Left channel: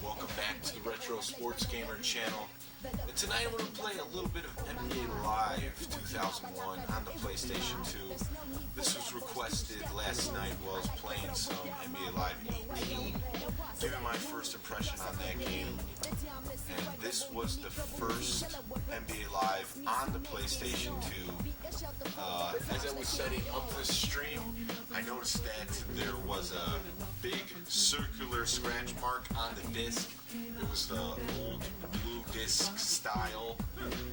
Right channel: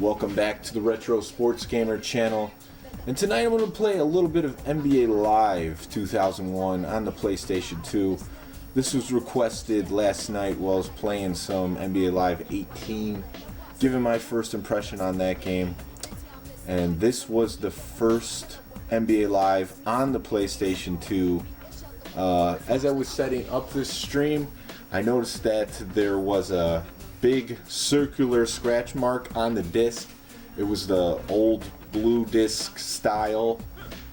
Welcome back to the Retro Sports Gamer channel. And tonight I'm going to play a little bit of NBA Live 2001 on the PlayStation 2. This was requested last night while I was playing some NBA Live 18, giving my first impression on that game. And this was the first NBA Live on the PlayStation 2. As I was setting up this stream, I noticed that there was a big circular scratch mark on the disc. It was the old blue disc style.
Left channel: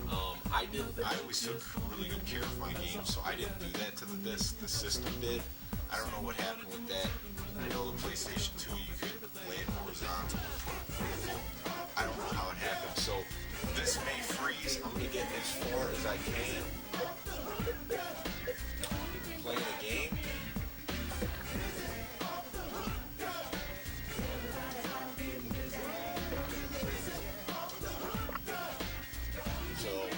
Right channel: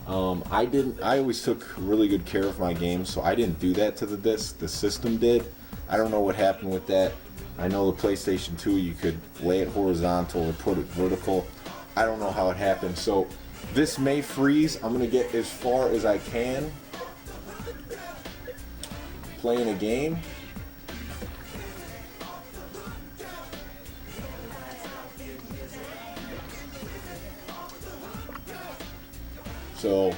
I always took really good care of my games, so I didn't do that to the disc. The system did. I don't know what happened with that. I know the PlayStation 2 you could lay it horizontal or put it vertical. I don't know how it happened. So this may freeze. I'm gonna get as far as I can playing a game. So,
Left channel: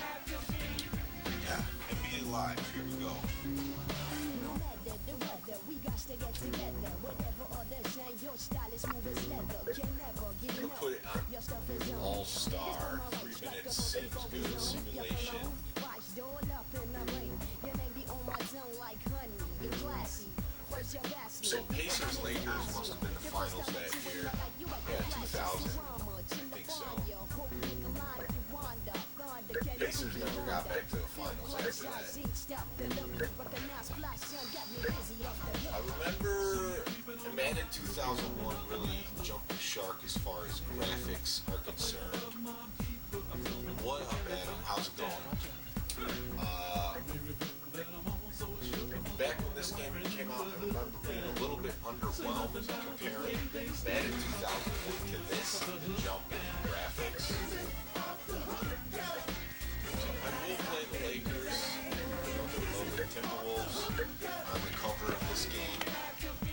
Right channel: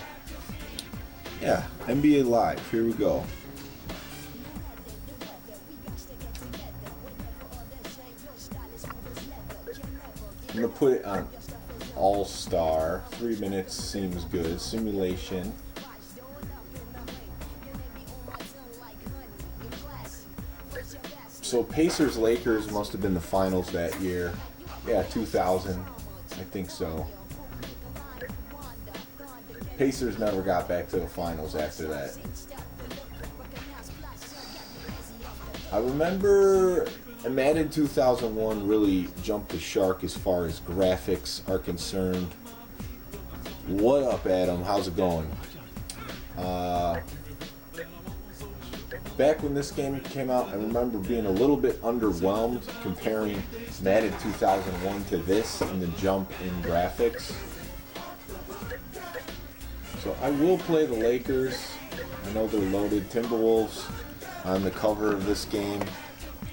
yeah, NBA Live, here we go. I'm going to put it on All-Star. 3 minutes seems good. Simulation. So Pacers-Lakers must have been the finals that year. Yeah, 2000. I think so. Pacers never got back to the finals after that. I remember Madden 2001 really jumped the shark as far as graphics are concerned. What up, Adam? How's it going? Back when this game came out, I remember being a little bit underwhelmed comparing Madden 2001 to this and the jump in graphics. So I will play the Lakers. I know they're loaded. Timberwolves on the cover of this game.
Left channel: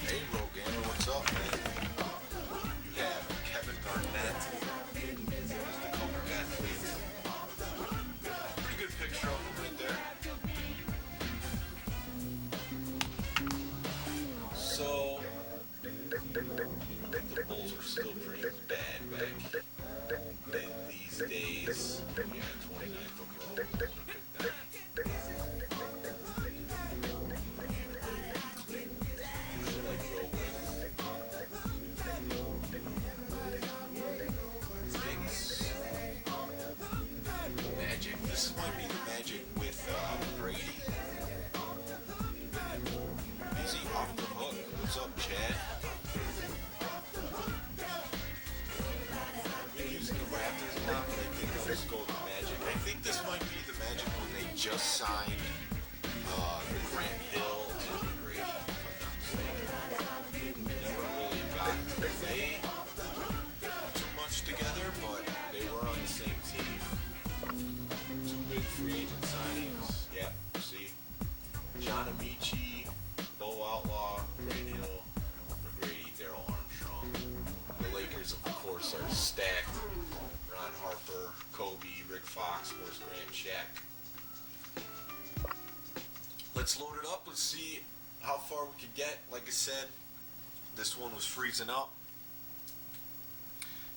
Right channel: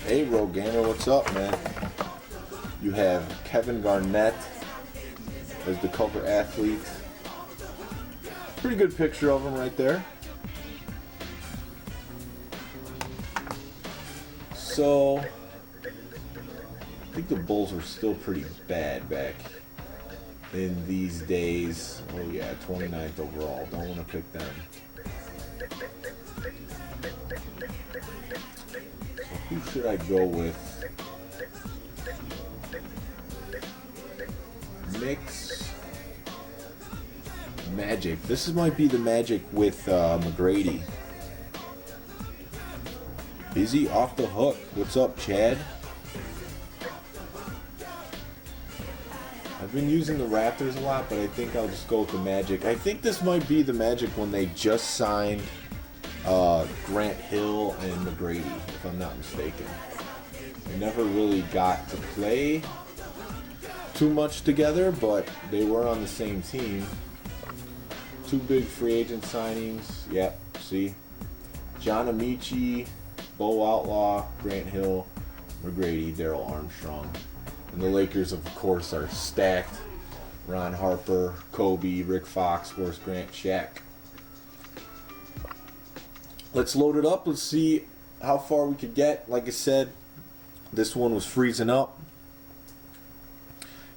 Hey, Rogue Gamer, what's up, man? You have Kevin Garnett as the cover athlete. Pretty good picture of him right there. So, I think the Bulls were still pretty bad back in these days. Oh yeah, 29th overall. Don't want to pick them. Who should I go with? Mix Magic. This might be the Magic with McGrady. Is he off the hook? What's up, Chad? I've been using the Raptors a lot, but I think I'll just go with the Magic. I think this might be the Magic when they just signed Grant Hill and McGrady, if I'm not mistaken. They never really got to play too much together, but they were on the same team. 2 big free agent signings. Yep, see? John Amici, Bo Outlaw, Grant Hill, McGrady, Daryl Armstrong. And the Lakers, of course, are stacked. Ron Harper, Kobe, Rick Fox, Horace Grant, Shaq. Let's load it up. Let's see how far we could get. Like I said, this one was freezing up.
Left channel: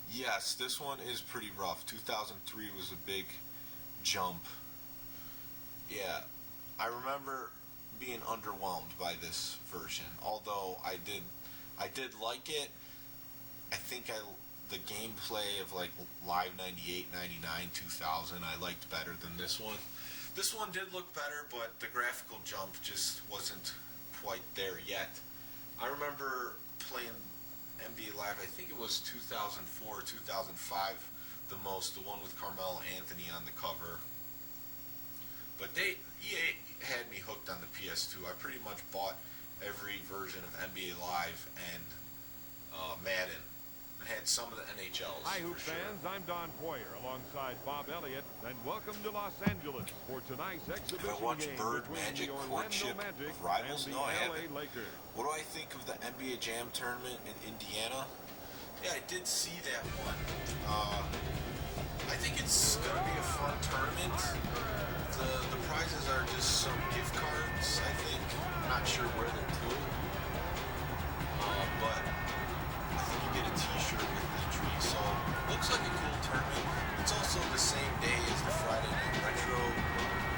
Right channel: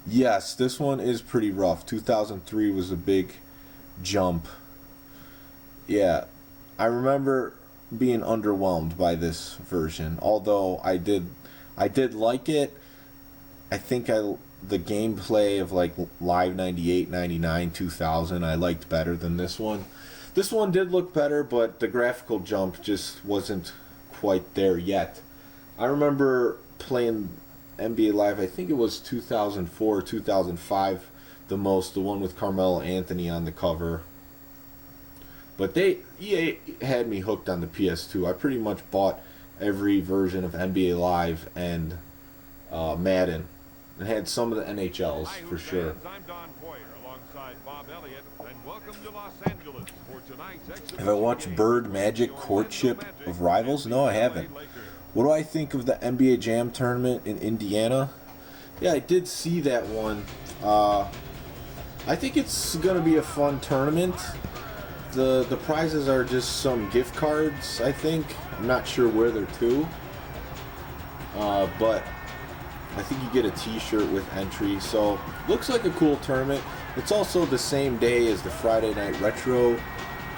Yes, this one is pretty rough. 2003 was a big jump. Yeah, I remember being underwhelmed by this version. Although I did like it. I think the gameplay of like Live 98, 99, 2000 I liked better than this one. This one did look better, but the graphical jump just wasn't quite there yet. I remember playing NBA Live, I think it was 2004, 2005 the most, the one with Carmelo Anthony on the cover. But EA had me hooked on the PS2. I pretty much bought every version of NBA Live and Madden. And had some of the NHLs for sure. Fans, I'm Don Poyer alongside Bob Elliott, and welcome to Los Angeles for tonight's exhibition. Have I watched Bird Magic Courtship of Rivals? No, I haven't. What do I think of the NBA Jam tournament in Indiana? Yeah, I did see that one. I think it's going to be a fun tournament. The prizes are just some gift cards, I think. I'm not sure where they're to. But I think you get a t-shirt with entry. So, looks like a cool tournament. It's also the same day as the Friday Night Retro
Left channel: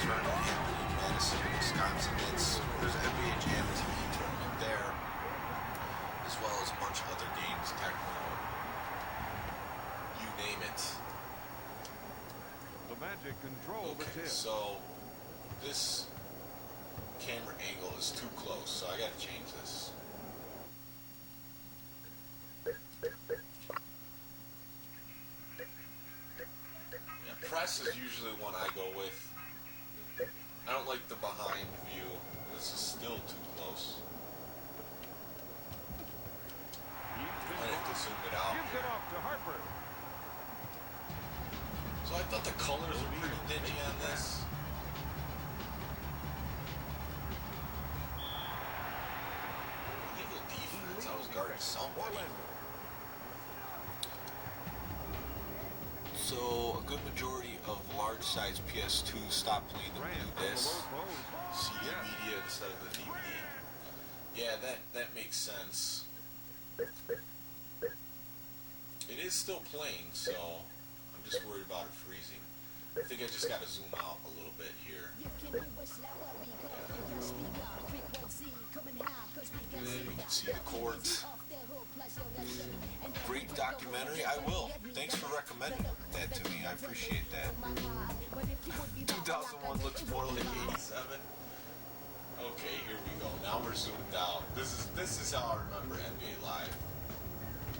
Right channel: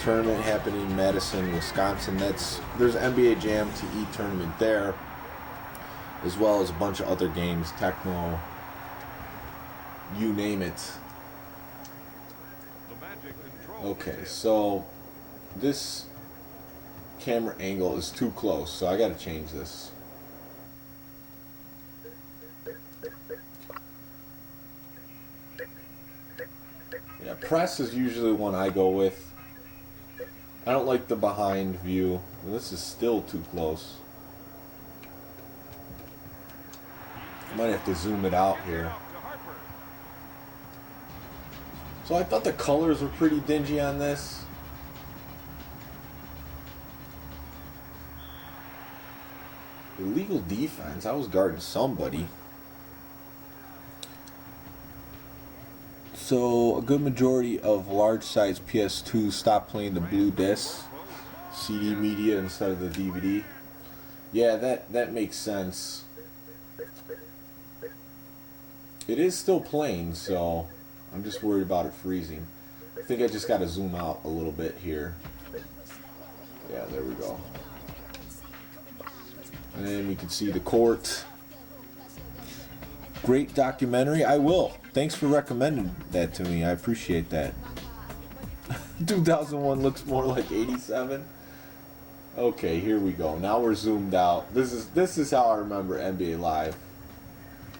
tournament happening in Madison, Wisconsin. There's NBA Jam TE tournament there, as well as a bunch of other games, Tecmo, you name it. The magic control. Okay, so this camera angle is too close, so I gotta change this. Yeah, press is usually one I go with. I don't like the behind view. This is still too close. I might have to zoom it out here. So I thought the colors were pretty dingy on this. Illegal defense. I was guarding somebody. So a good majority of large size PS2 stopped playing the blue disc, CD media instead of the DVD. Yeah, that makes sense. It is still playing, so I'm just worried about it freezing. I think I just got to zoom out a little bit here. Yeah, there we go. And then we can see the court. Great documentary. I will. Thanks for recommending that to me. I appreciate that. 2001 looks more like 87. Okay, here we go. Now we're zoomed out. This is how I remember NBA Live.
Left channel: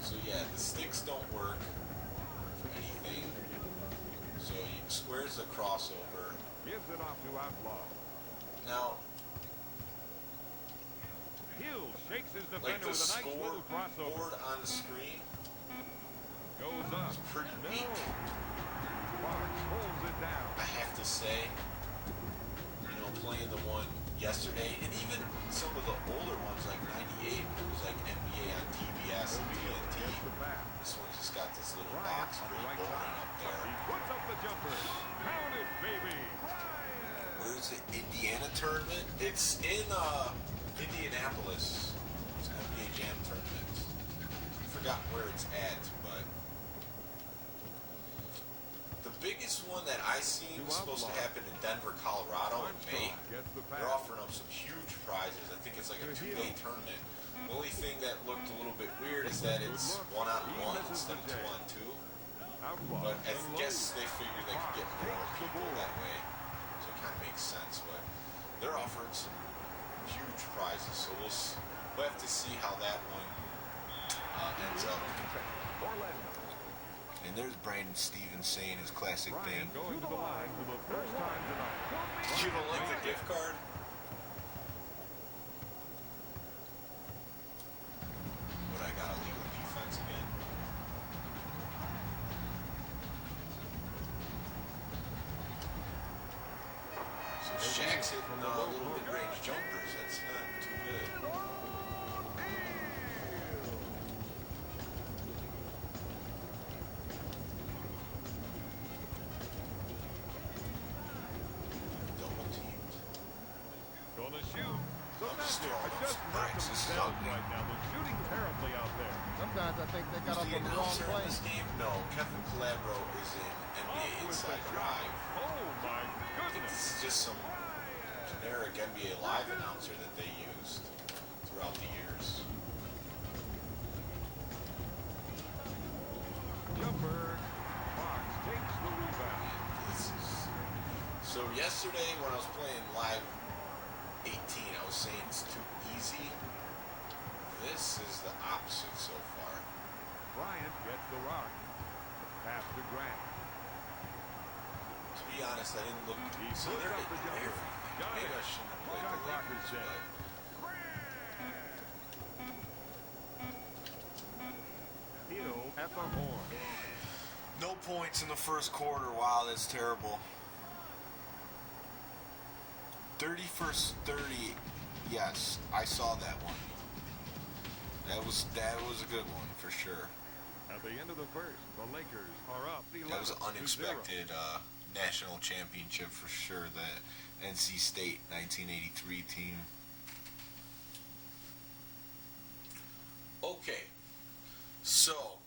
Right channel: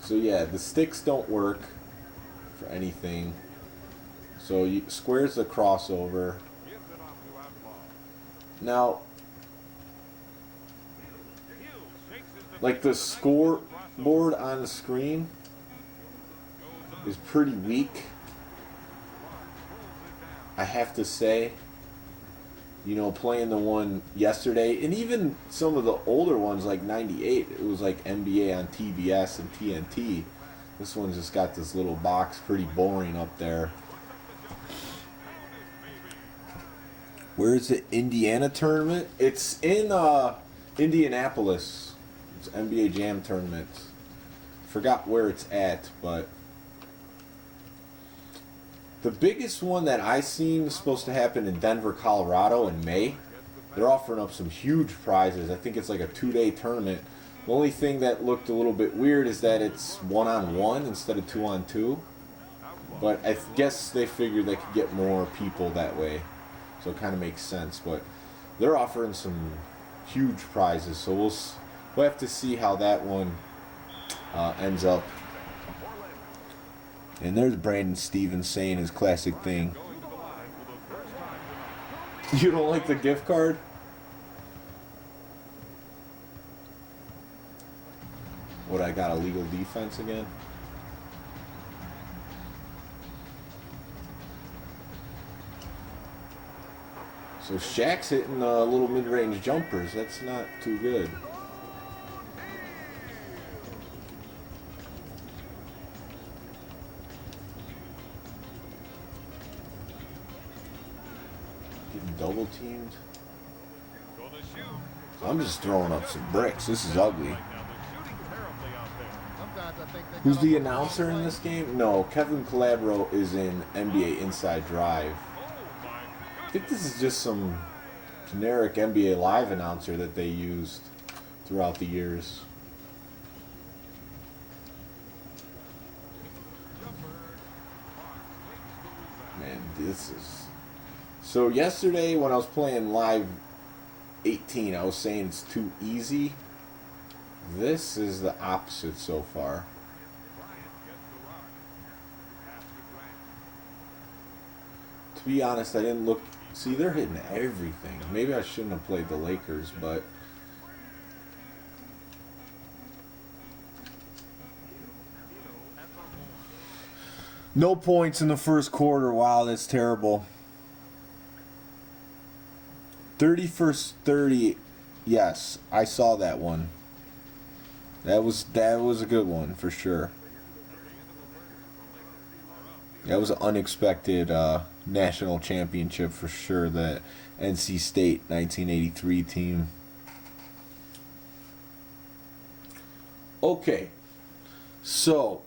So yeah, the sticks don't work for anything. So square's the crossover. Now, like the scoreboard on the screen is pretty weak, I have to say. You know, playing the one yesterday, and even some of the older ones like 98, it was like NBA on TBS and TNT. This one's just got this little box, pretty boring up there. Where's the Indiana tournament? It's in Indianapolis. It's NBA Jam tournament. Forgot where it's at, but the biggest one that I seen was supposed to happen in Denver, Colorado in May. They're offering up some huge prizes. I think it's like a 2-day tournament. The only thing that looked a little bit weird is that it's 1-on-1 instead of 2-on-2. But I guess they figured they could get more people that way. So it kind of makes sense. But they're offering some huge prizes. So we'll have to see how that one ends up. And there's Brandon Stevens saying his classic thing. You don't like the gift card? What, I got illegal defense again? So Shaq's hitting little mid-range jumpers. That's not too good. Double teamed. I'm just throwing up some bricks. This is ugly. Who's the announcer in this game? No, Kevin Calabro is in NBA Inside Drive. I think this is just some generic NBA Live announcer that they used throughout the years. Man, this is... So yesterday when I was playing Live 18, I was saying it's too easy. This is the opposite so far. Bryant gets the rock. Pass to Grant. To be honest, I didn't look. See, they're hitting everything. Maybe I shouldn't have played the Lakers, but no points in the first quarter. Wow, that's terrible. 31st 30. Yes, I saw that one. That was a good one for sure. At the end of the first, the Lakers are up. That was an unexpected national championship for sure. The NC State 1983 team. Okay, So,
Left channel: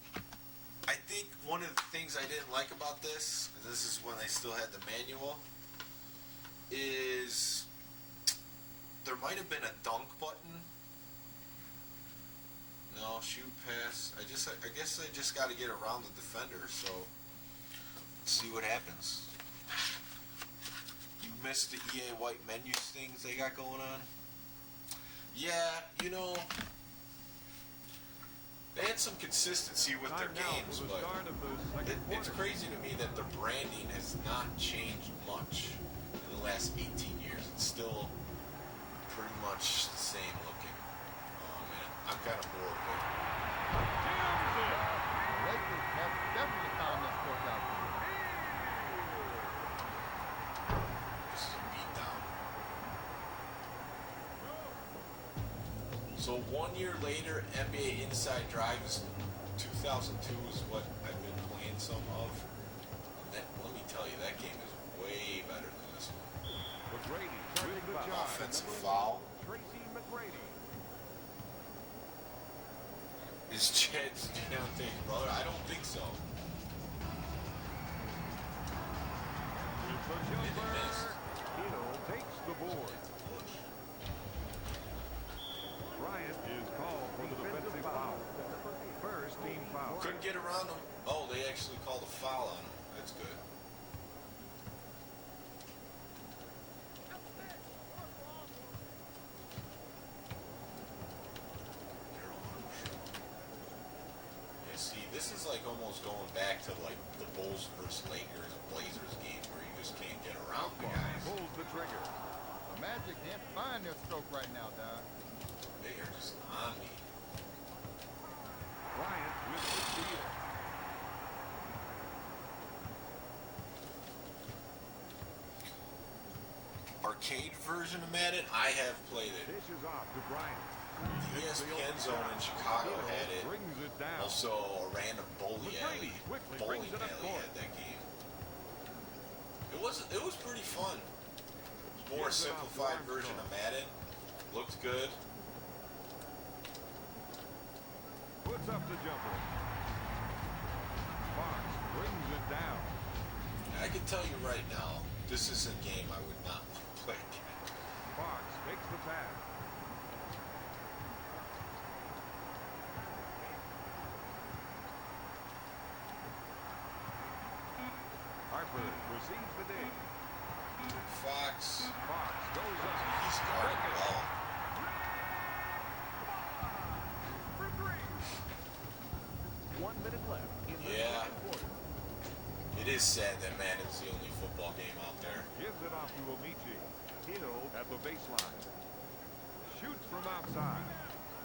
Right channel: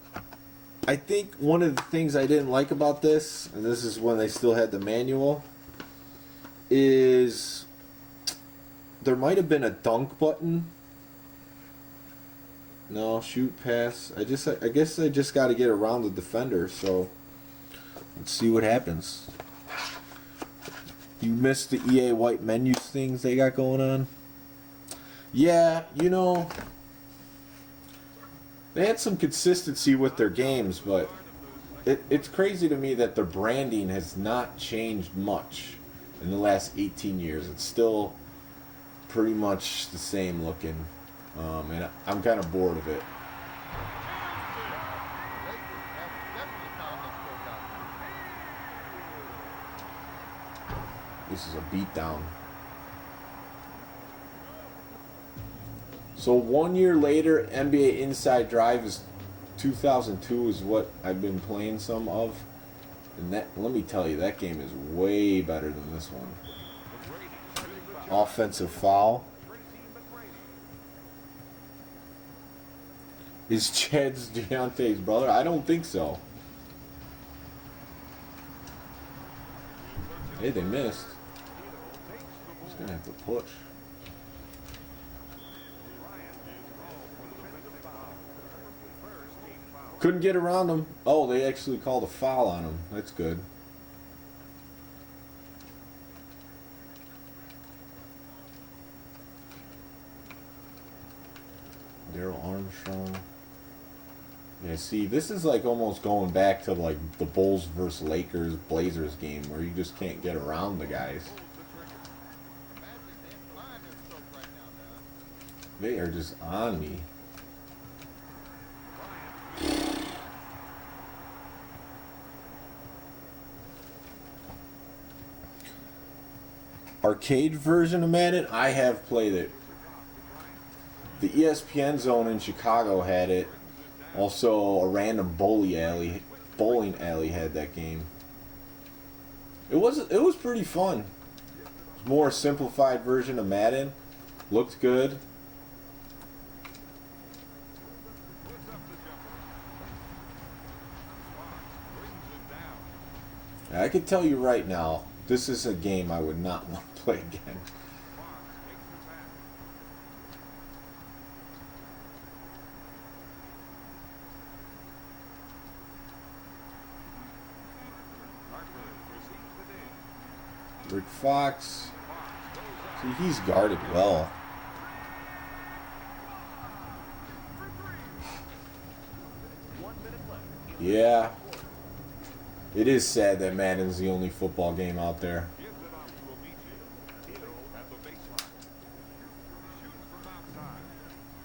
I think one of the things I didn't like about this, and this is when they still had the manual, is there might have been a dunk button. No, shoot, pass. I guess I just got to get around the defender, so let's see what happens. You missed the EA white menus things they got going on? Yeah, you know, they had some consistency with their games, but it's crazy to me that their branding has not changed much in the last 18 years. It's still pretty much the same looking, and I'm kind of bored of it. The Lakers have definitely found this workout for This is a beatdown. So 1 year later, NBA Inside Drive is 2002 is what I've been playing some of, and that, let me tell you, that game is way better than this one. Offensive foul. Is Chad's Deontay's brother? I don't think so. Hey, they missed. He's gonna have to push. Couldn't get around him. Oh, they actually called a foul on him. That's good. Daryl Armstrong. Yeah, see, this is like almost going back to like the Bulls versus Lakers Blazers game where you just can't get around the guys. The Magic can't find their stroke right now, Don. They are just on me. Arcade version of Madden, I have played it. The ESPN Zone in Chicago had it. Also, a random bowling alley had that game. It was pretty fun. More simplified version of Madden. Looked good. Puts up the jumper. Fox brings it down. I can tell you right now, this is a game I would not want to play again. Fox takes the pass. Harper receives the dig. Rick Fox, Fox goes up. see, he's guarded well. For three. 1 minute left. Yeah. It is sad that Madden's the only football game out there. Gives it off to Amici. Hill at the baseline. Shoots from outside.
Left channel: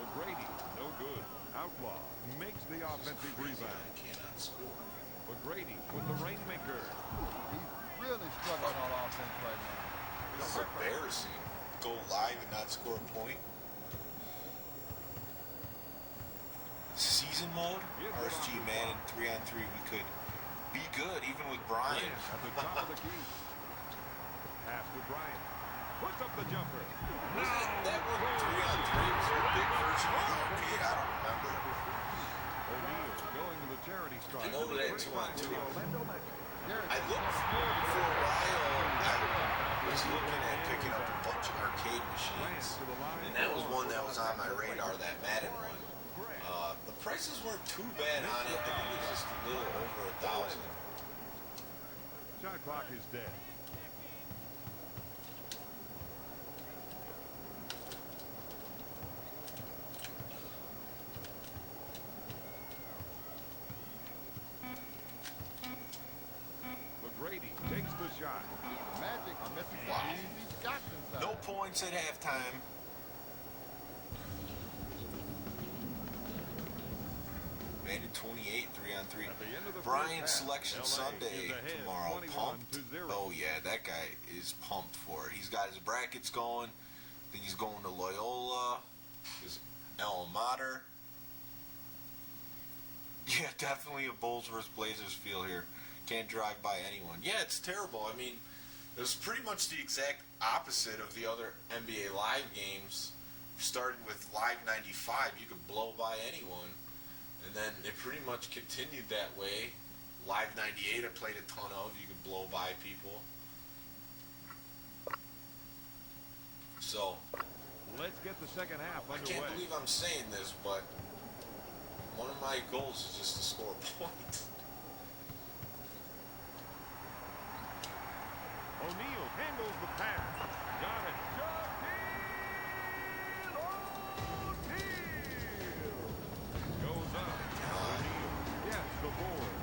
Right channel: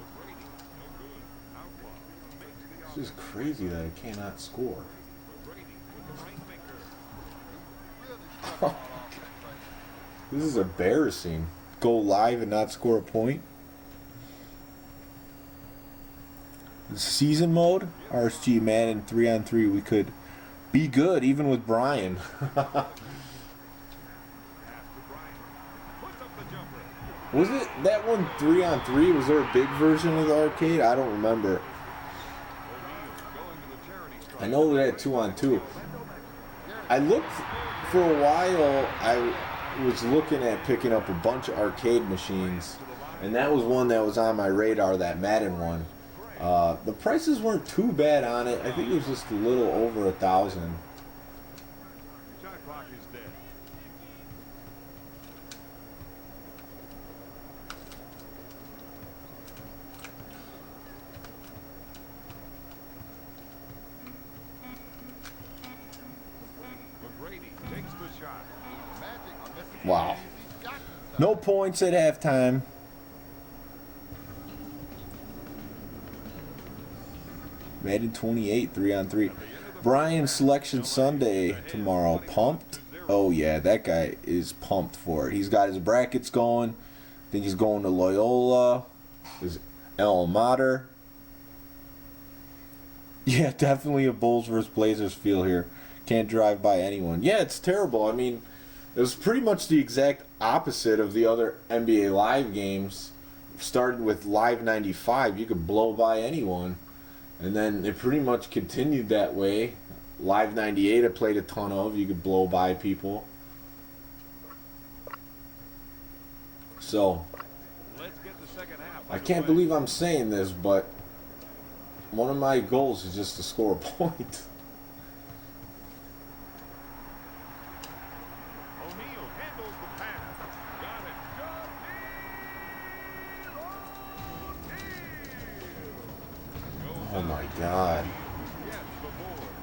O'Grady, no good. Outlaw makes the This is offensive crazy that rebound. I cannot score. O'Grady with the rainmaker. He's really struggling on offense right now. This is embarrassing. Go live and not score a point. Season mode, RSG Madden 3-on-3. We could be good even with Brian. Pass to Bryant. Puts up the jumper. Was it that one 3-on-3? Was there a big version of the arcade? I don't remember. O'Neal going to the charity stripe. I know they had 2-on-2. I looked for a while. I was looking at picking up a bunch of arcade machines, and that was one that was on my radar. That Madden one. The prices weren't too bad on it. I think it was just a little over 1,000. Shot clock is dead. McGrady takes the shot. The Magic are missing some Wow. easy shots inside. No points at halftime. Madden 28, 3-on-3. Brian Selection Sunday tomorrow. Pumped? Oh yeah, that guy is pumped for it. He's got his brackets going. I think he's going to Loyola. His alma mater. Yeah, definitely a Bulls versus Blazers feel here. Can't drive by anyone. Yeah, it's terrible. I mean, it was pretty much the exact opposite of the other NBA Live games. Started with Live 95, you could blow by anyone. And then it pretty much continued that way. Live 98 I played a ton of. You could blow by people. So, Let's get the second half I can't underway. believe I'm saying this, but one of my goals is just to score a point. O'Neal handles the pass. Got it. O'Neal goes Oh up. my God. O'Neal gets the board.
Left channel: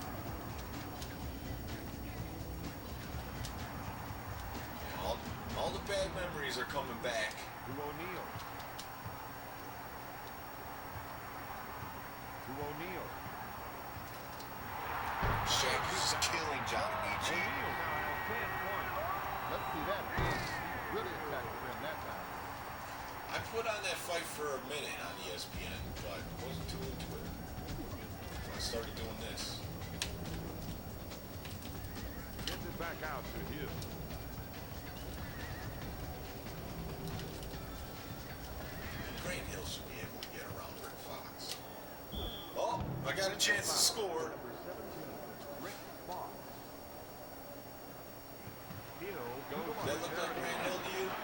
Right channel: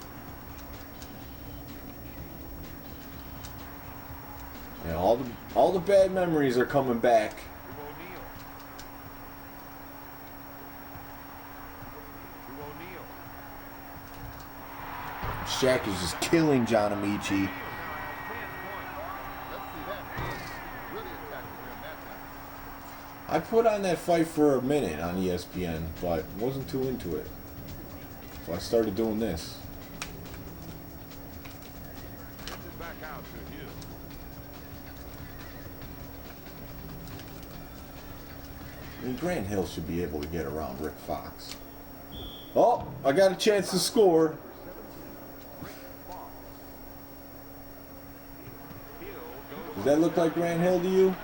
Yeah, all the bad memories are coming back. To O'Neal. To O'Neal. Shaq is just killing John Amici. O'Neal now has 10 points. Let's see that. He really attacked the rim that time. I put on that fight for a minute on ESPN, but wasn't too into it. So I started doing this. Gets it back out to Hill. I mean, Grant Hill should be able to get around Rick Fox. Oh, I got a chance to score. Number 17, Rick Fox. Hill goes. Does that look like Grant Hill to you?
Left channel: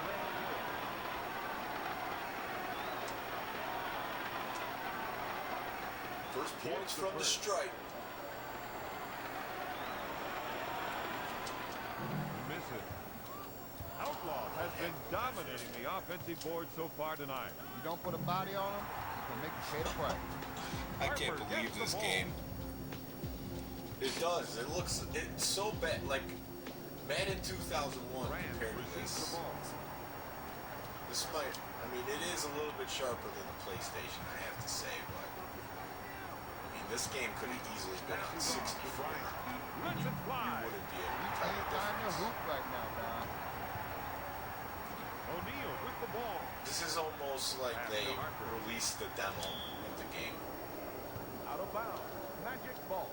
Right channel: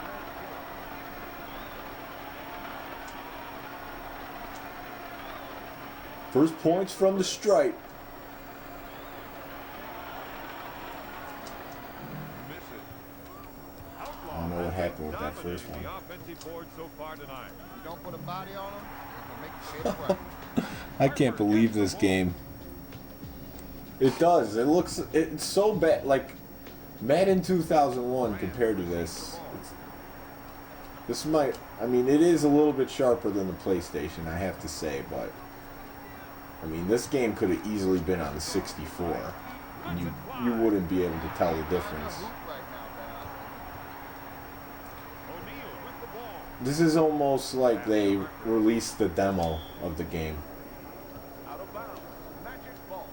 First points from the stripe. Miss it. Outlaw I don't know what has happened been with that dominating first the offensive board so far tonight. If you don't put a body on him, he's going to make you pay the price. I can't believe this game. It does. It's so bad. Like Madden 2001 compared to this. This might. I mean, it is a little bit sharper than the PlayStation, I have to say, but I mean, this game could have easily been on the 64. You wouldn't be able to tell the Find a difference. hoop right now, Don. O'Neal with the ball. This is almost like they released the demo of the game. Out of bounds. Magic ball.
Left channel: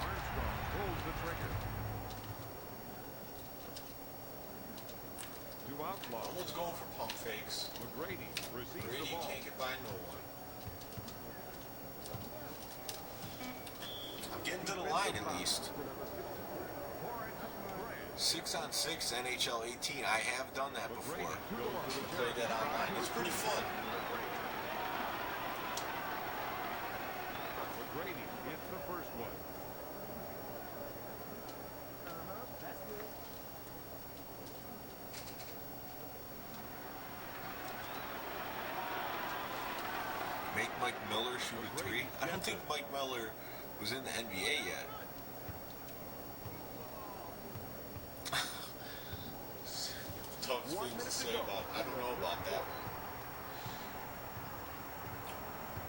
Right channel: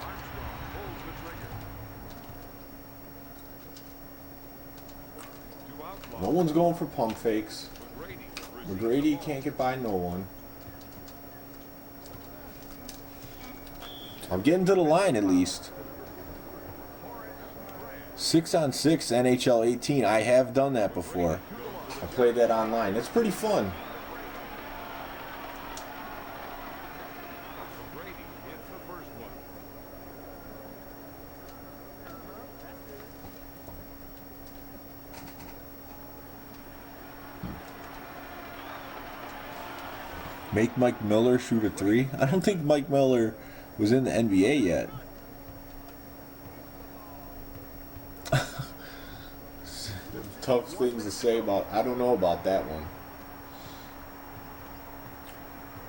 Armstrong pulls the trigger. To Outlaw. No one's going for pump fakes. McGrady receives the McGrady ball. can't get by no one. I'm getting to the line at least. 6-on-6 NHL 18. I have done that before. I played that online. It's pretty fun. McGrady hits the first one. That's good. Make Mike Miller shoot a three? I don't think Mike Miller was in the NBA yet. Tough things to say about. I don't know about that one.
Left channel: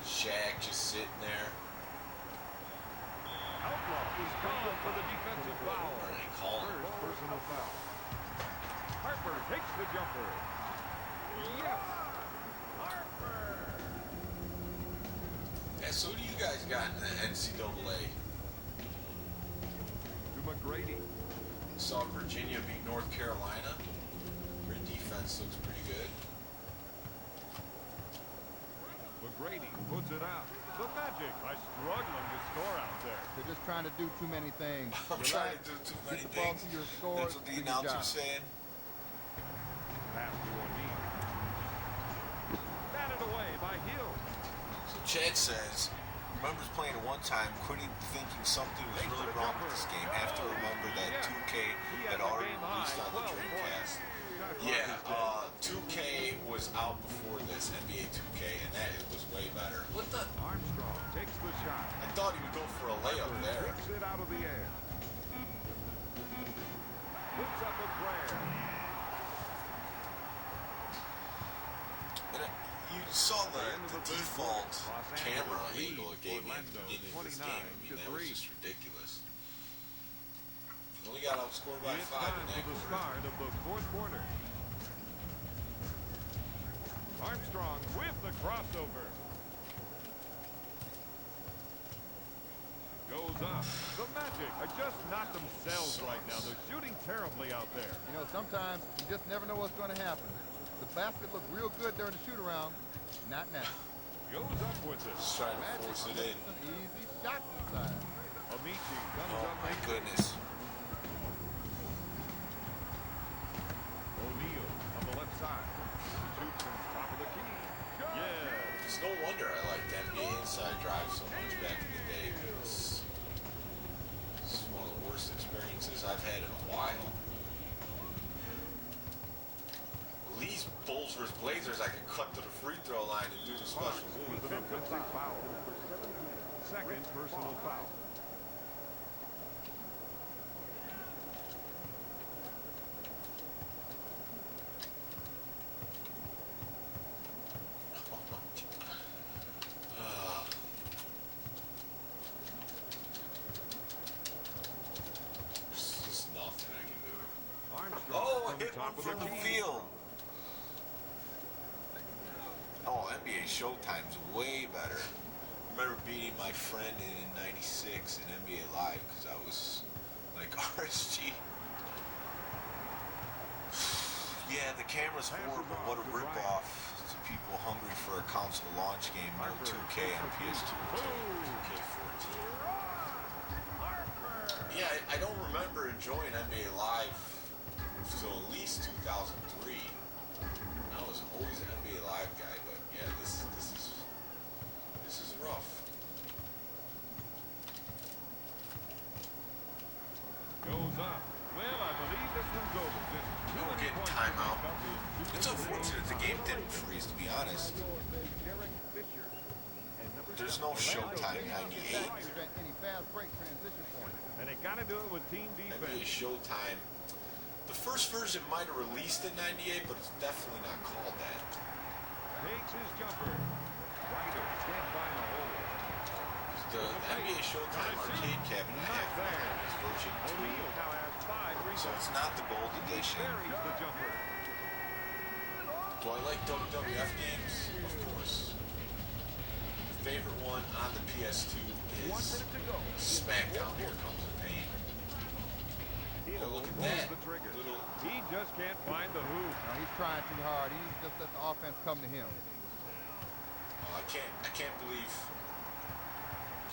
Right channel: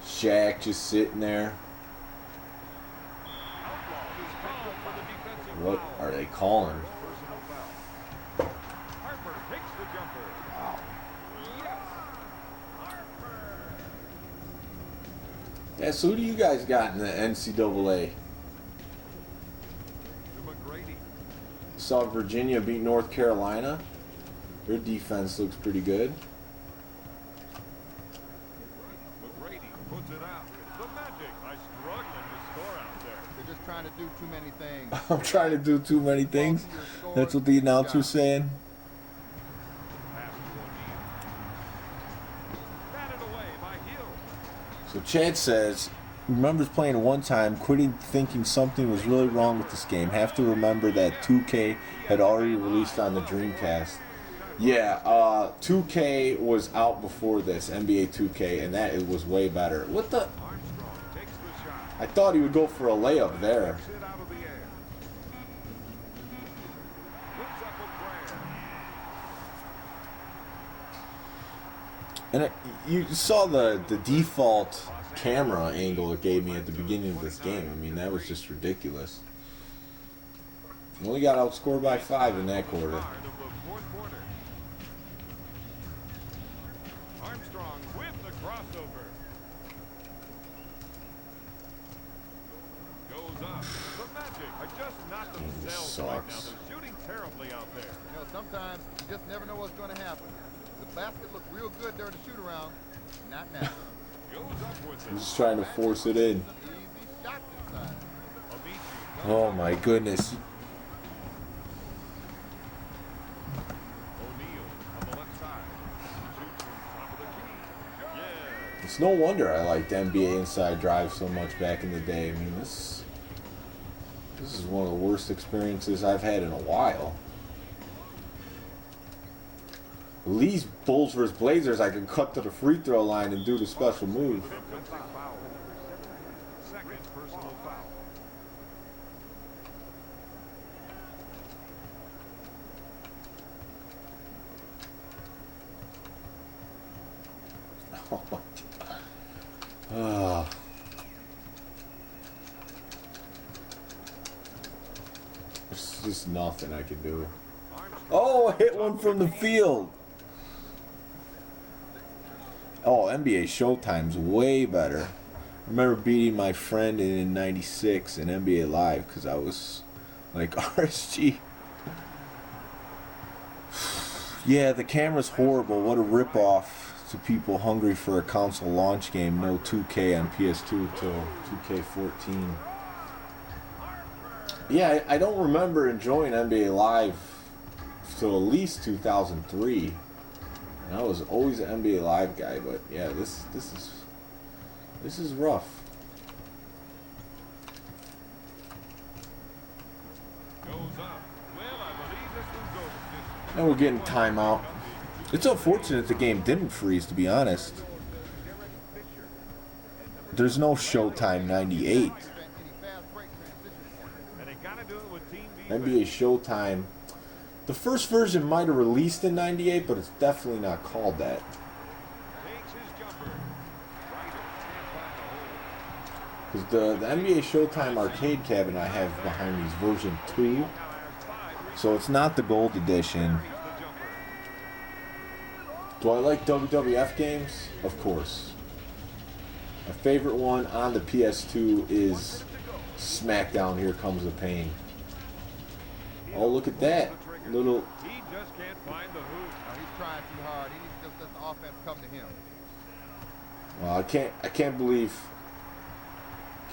Shaq just sitting there. Outlaw is called for the defensive What foul. are they calling? First personal foul. Harper takes the jumper. Yes. Harper. Yeah, so who do you guys got in the NCAA? To McGrady. Saw Virginia beat North Carolina. Their defense looks pretty good. McGrady puts it out. The Magic are struggling to score out there. They're just trying to do too many things. I'm trying to do too many things. Fall to your scores, That's what the good announcer's job. saying. Pass to O'Neal. Batted away by Hill. So Chad says, remembers playing it one time, quitting thinking something was really wrong with this game. Have to remember that 2K had already released on the Dreamcast. Yeah, 2K was out before this, NBA 2K, and that it was way better. What the? Armstrong takes the shot. I thought he would go for a layup there. Kicks it out of the air. Puts up a prayer. And you saw the default camera angle it gave me at the beginning of this game. I mean, that was just ridiculous. We only got outscored by 5 in that For the quarter. start of the fourth quarter. Armstrong with the crossover. Goes up. The Magic are just not themselves right now. Sucks. They're shooting terribly out there. You know, sometimes you just never know what's going to happen. The basket looked real good during the shoot around. Not now. Goes up with it. Just trying to force it in. Some easy shots inside. Amici comes Oh up my with it. goodness. O'Neal on the left side. He shoots from top of the key. Yeah. It's no wonder I liked NBA Inside Drive so much back in the day. I mean, this is one of the worst experiences I've had in a while. At least Bulls vs. Blazers, I can cut to the free throw line and do the special move. With an offensive foul. Second personal foul. Oh my God. Ah. There's just nothing I can do. Armstrong Oh, from hit top one of from the key. field. Oh, NBA Showtime's way better. I remember beating my friend in '96 in NBA Live because I was like RSG. Yeah, the camera's horrible. What a ripoff to people hungry for a console launch game. No 2K on PS2 till 2K14. Yeah, I don't remember enjoying NBA Live till at least 2003. I was always an NBA Live guy, but yeah, this is rough. Goes up. Well, I believe this one's over. Just Now we're getting timeout. It's unfortunate the game didn't freeze, to be honest. There's no Showtime 98. Prevent any fast break transition points. and they gotta do it with team defense. NBA Showtime. The first version might have released in '98, but it's definitely not called that. Takes his jumper. Ryder can't find the hole. Because the NBA Showtime arcade cabinet I have behind me is version 2, O'Neal now has 5 rebounds. so it's not the gold edition. Buries the jumper. Do I like WWF games? Of course. My favorite one on the PS2 is SmackDown Here Comes the Pain. Oh, look at that. Little. He just can't find the hoop. No, he's trying too hard. He needs to just let the offense come to him. Well, I can't believe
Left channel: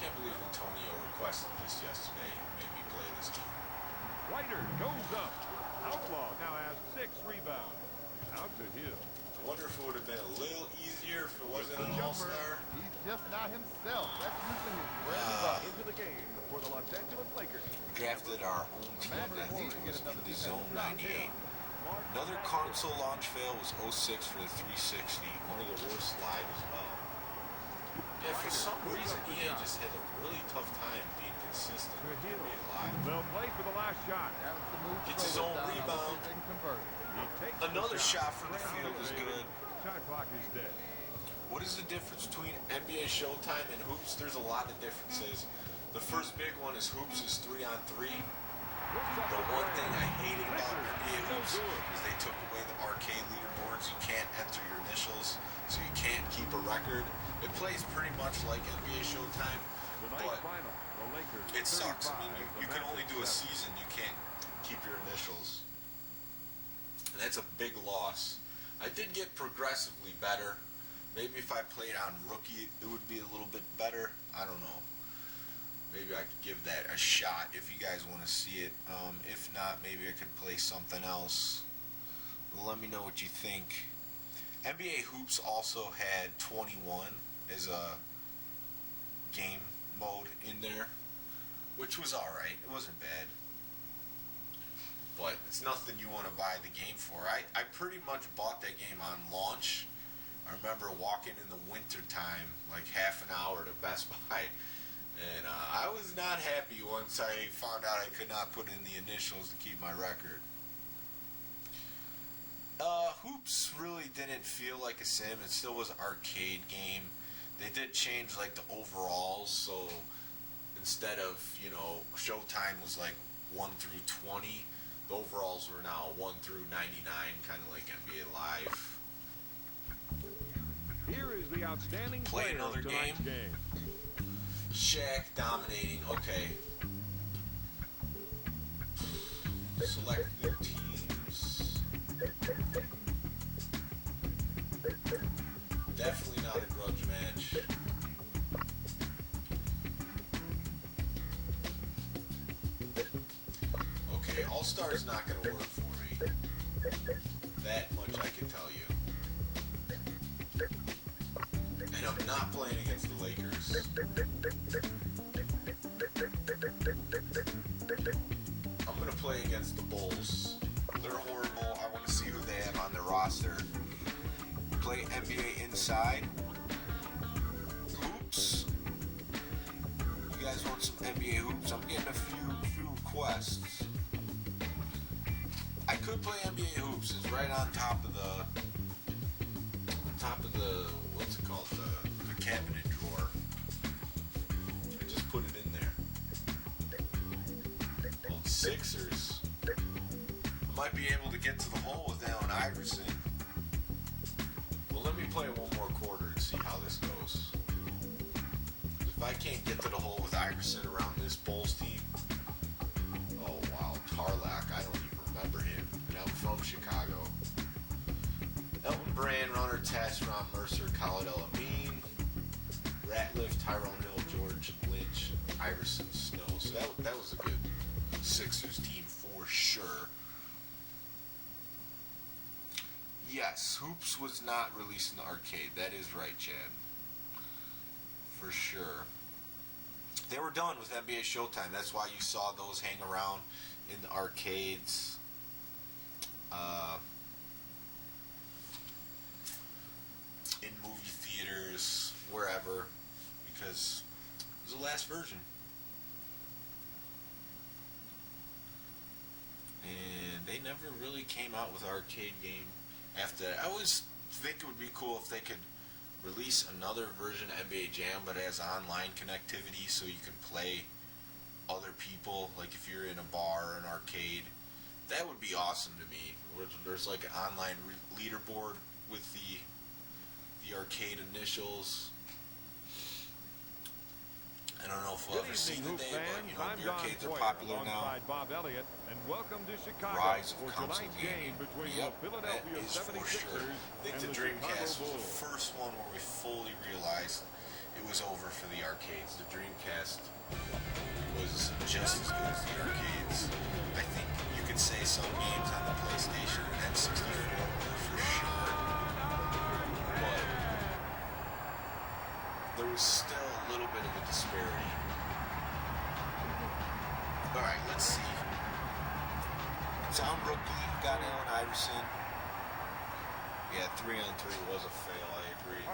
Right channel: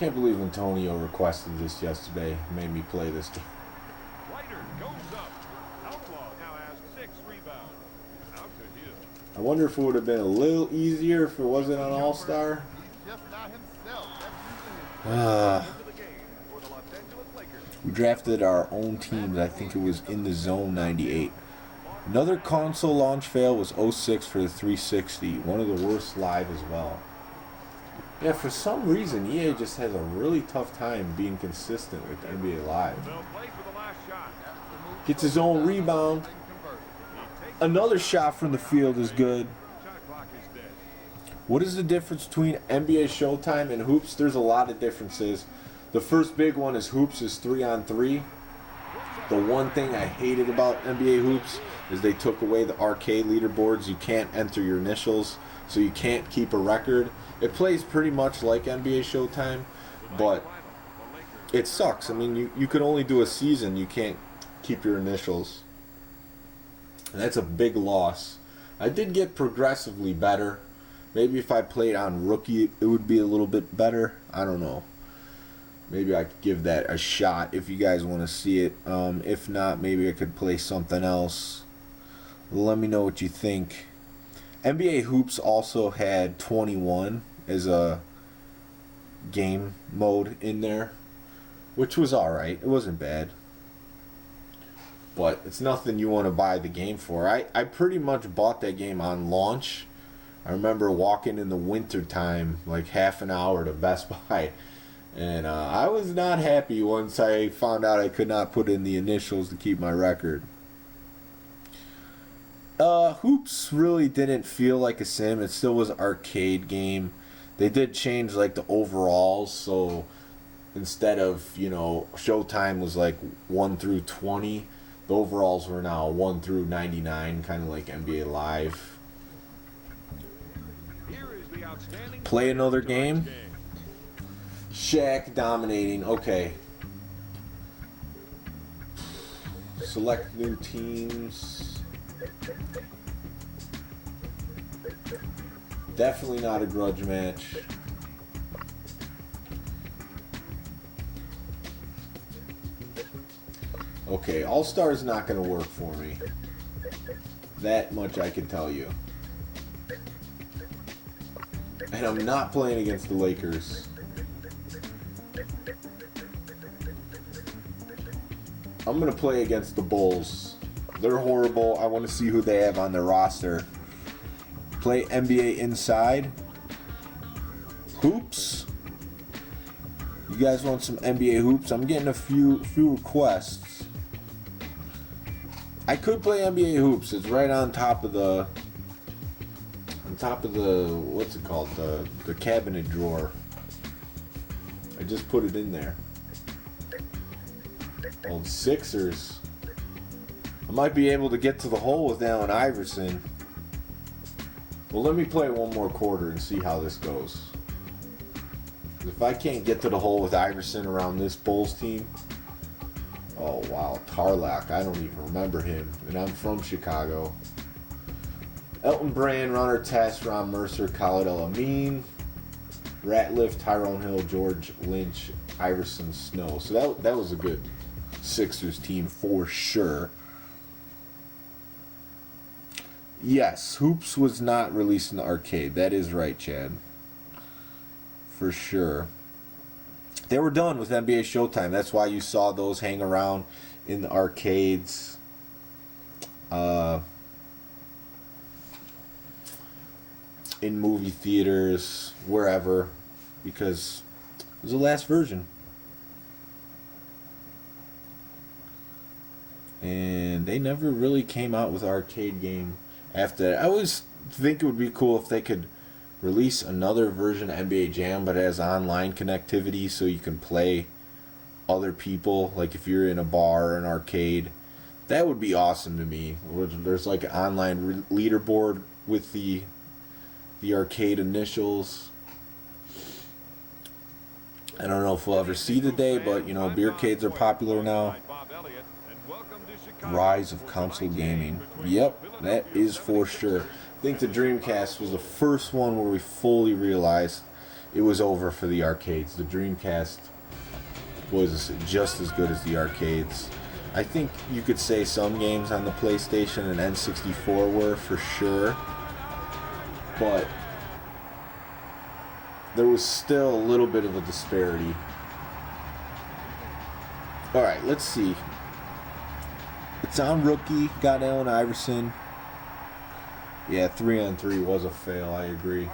Antonio requested this yesterday. Made me play this. Ryder goes up. Outlaw now has 6 rebounds. Out to Hill. I wonder if it would have been a little easier if it wasn't an All-Star. He's just not himself. That's usually his Into the game for the Los Angeles Lakers. We drafted our own teams. I think it was in the zone 98. Another console launch fail was 06 for the 360. One of the worst live as well. Yeah, for some reason, EA just has a really tough time being consistent with NBA Live. They'll play for the last shot. That's the move. Gets his own rebound. They can convert. He takes Another the shot from the field is good. Shot clock is dead. What is the difference between NBA Showtime and Hoops? There's a lot of differences. The first big one is Hoops is 3-on-3. The one thing I hated about NBA Hoops is they took away the arcade leaderboards. You can't enter your initials, so you can't keep a record. It plays pretty much like NBA Showtime, but it sucks. I mean, you can only do a season. You can't keep your initials. And that's a big loss. I did get progressively better. Maybe if I played on rookie, it would be a little bit better. I don't know. Maybe I could give that a shot if you guys want to see it. If not, maybe I could play something else. Let me know what you think. NBA Hoops also had 21 as a game mode in there, which was alright. It wasn't bad. But it's nothing you want to buy the game for. I pretty much bought that game on launch. I remember walking in the winter time, like half an hour to Best Buy. And I was not happy once I found out I could not put in the initials to keep my record. Hoops really didn't feel like a sim. It still was an arcade game. They did change like the overalls, so instead of, Showtime was like 1 through 20, the overalls were now 1 through 99, kind of like NBA Live. Here is the outstanding Play player another of tonight's game? Shaq dominating. Okay. Select new teams. Definitely not a grudge match. Okay, All-Star's not going to work for me. That much I can tell you. And I'm not playing against the Lakers. I'm going to play against the Bulls. They're horrible. I want to see who they have on their roster. Play NBA Inside. Hoops. You guys want some NBA hoops? I'm getting a few requests. I could play NBA hoops. It's right on top of the what's it called? The cabinet drawer. I just put it in there. Old Sixers. I might be able to get to the hole with Allen Iverson. Well, let me play one more quarter and see how this goes. If I can't get to the hole with Iverson around this Bulls team, oh wow, Tarlac, I don't even remember him, and I'm from Chicago. Elton Brand, Runner Test, Ron Mercer, Khalid El-Amin, Ratliff, Tyrone Hill, George Lynch, Iverson, Snow. So that was a good Sixers team for sure. Yes, Hoops was not released in the arcade. That is right, Chad. For sure. They were done with NBA Showtime. That's why you saw those hang around in the arcades. In movie theaters, wherever. Because it was the last version. And they never really came out with an arcade game after that. I always think it would be cool if they could release another version of NBA Jam, but it has online connectivity so you can play other people. Like if you're in a bar or an arcade, that would be awesome to me. There's like an online leaderboard with the arcade initials. I don't know if we'll ever see the day, but you know, beercades are popular now. Rise of console gaming. Yep, that is for sure. I think the Dreamcast was the first one where we fully realized it was over for the arcades. The Dreamcast was just as good as the arcades. I think you could say some games on the PlayStation and N64 were for sure, but there was still a little bit of a disparity. Alright, let's see. It's on rookie, got Allen Iverson. Yeah, 3-on-3 was a fail, I agree.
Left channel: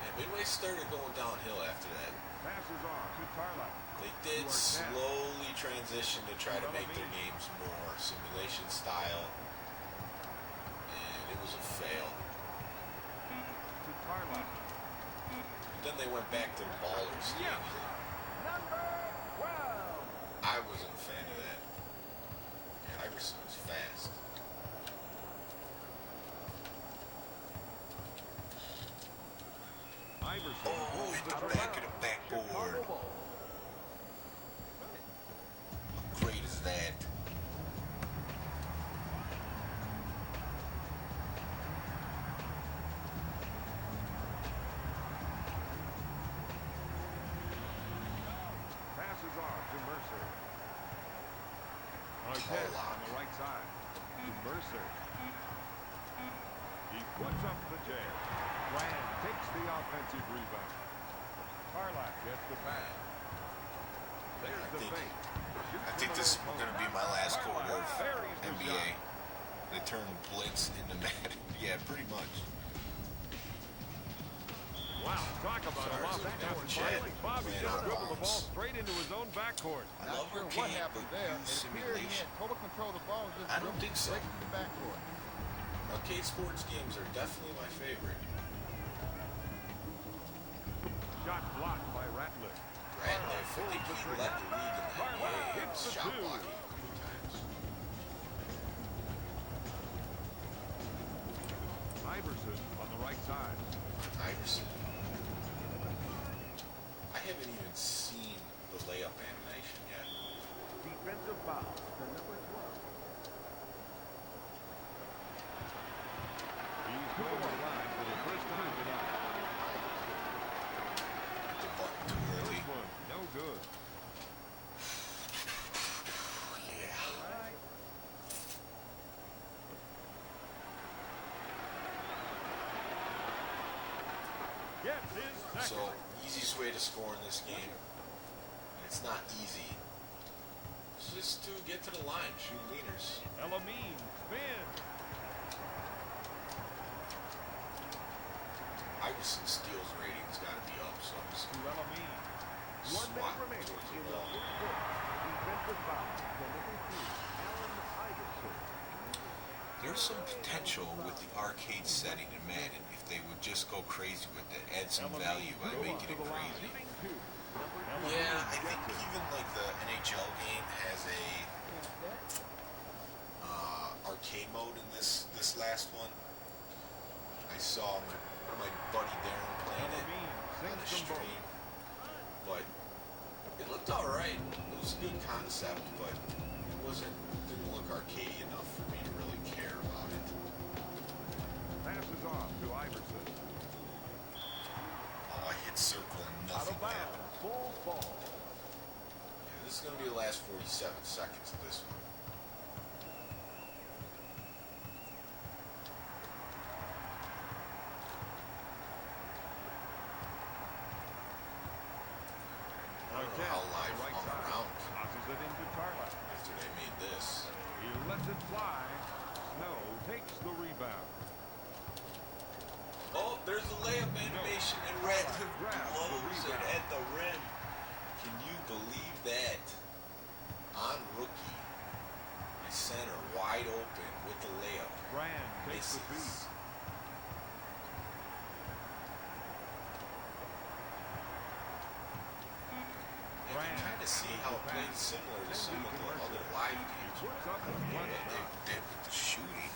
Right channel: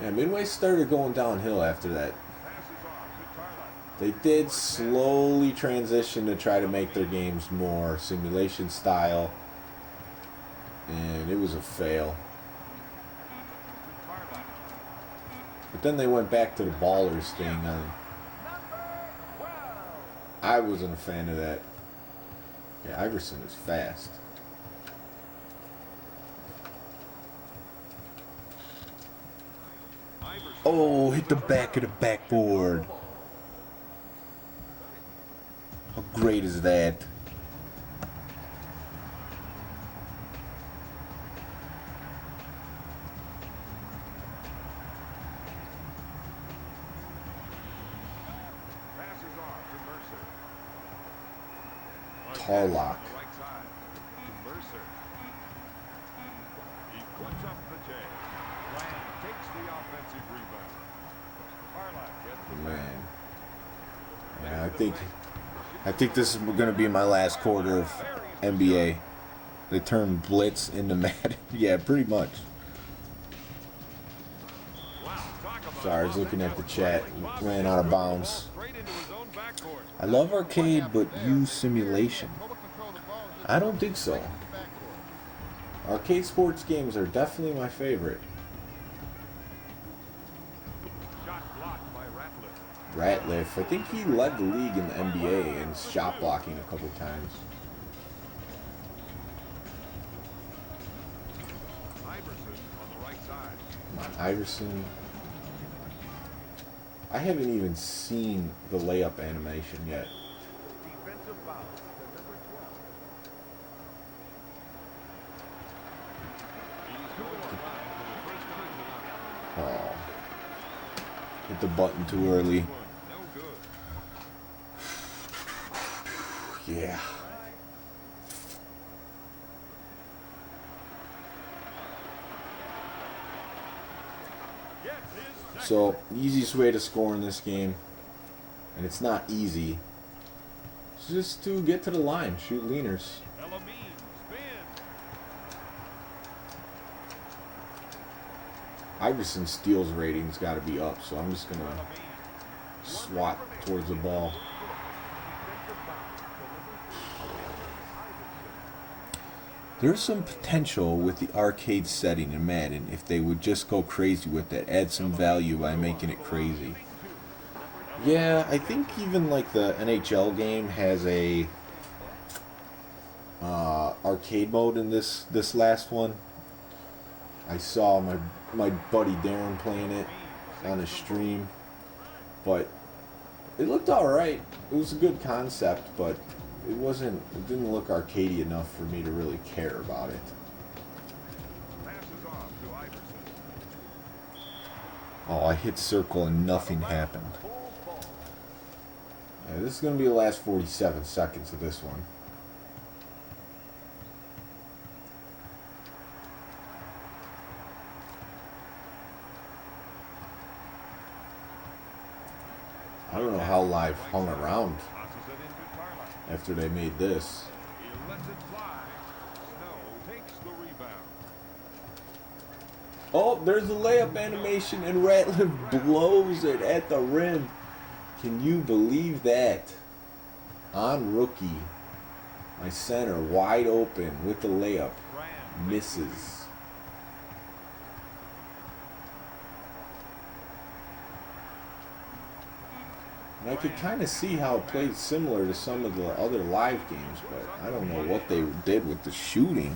Yeah, Midway started going downhill after that. They did slowly transition to try to make their games more simulation style. And it was a fail. But then they went back to the ballers thing. I wasn't a fan of that. Yeah, Iverson is fast. Oh, hit the back of the backboard. How great is that? Tarlac. On the right side to Mercer. He puts up the J. Brand takes the offensive rebound. Tarlac gets the pass. Man, I think this is going to be my last quarter of NBA. They turned blitz into Madden. Yeah, pretty much. Sorry, I was looking at the chat. Ran out of bounds. I love arcade, but use simulation. I don't think so. Arcade sports games are definitely my favorite. Shot blocked by Ratliff. I think he led the league in the NBA in shot blocking a couple times. Iverson on the right side. Iverson. I haven't even seen the layup animation yet. Defensive foul to number 12. hit the button too early. No good. Yeah. Gets his second. So, the easiest way to score in this game, and it's not easy, is just to get to the line, shoot leaners. Elamine spin. Iverson's steals rating's got to be up, so I'm just going to Elamine. swat towards the ball. Defensive foul. So number 3, Allen Iverson. There's some potential with the arcade setting in Madden if they would just go crazy with it, add some value by making it crazy. Yeah, I think even like the NHL game has a arcade mode in this last one. I saw my buddy Darren playing it on a stream, but it looked alright. It was a good concept, but it didn't look arcadey enough for me to really care about it. Passes off to Iverson. Oh, I hit circle and nothing happened. Bulls ball. Yeah, this is going to be the last 47 seconds of this one. I don't know how Live hung around Tosses it into Tarlac. after they made this. He lets it fly. Snow takes the rebound. Oh, there's the layup animation, and Ratliff blows it at the rim. Can you believe that? On rookie. My center wide open with the layup. Brand takes the lead. Misses. And I could kind of see how it played similar to some of the other live games, but I don't know what they did with the shooting.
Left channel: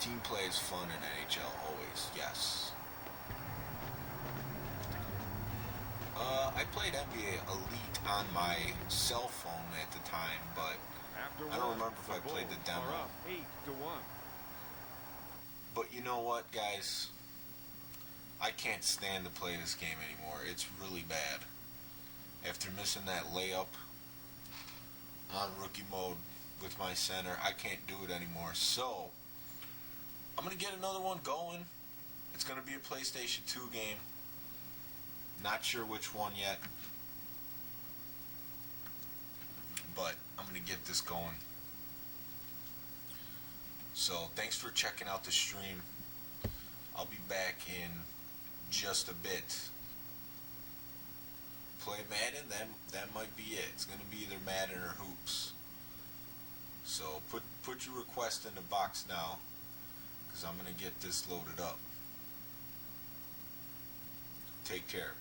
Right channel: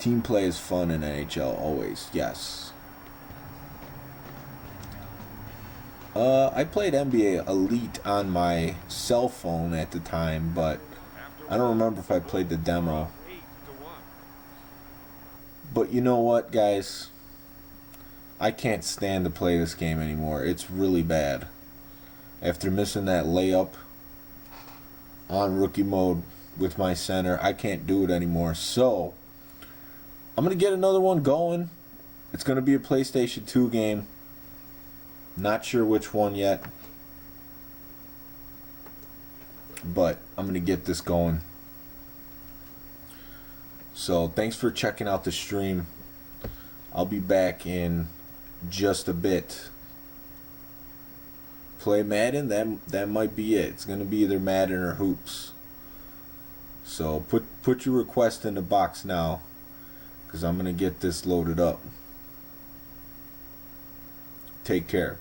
Team play is fun in NHL, always, yes. I played NBA Elite on my cell phone at the time, but I don't remember if I played the demo. 8-1. But you know what, guys? I can't stand to play this game anymore. It's really bad. After missing that layup on rookie mode with my center, I can't do it anymore. So, I'm going to get another one going. It's going to be a PlayStation 2 game. Not sure which one yet. But I'm going to get this going. So, thanks for checking out the stream. I'll be back in just a bit. Play Madden, that might be it. It's going to be either Madden or Hoops. So, put your request in the box now, because I'm going to get this loaded up. Take care.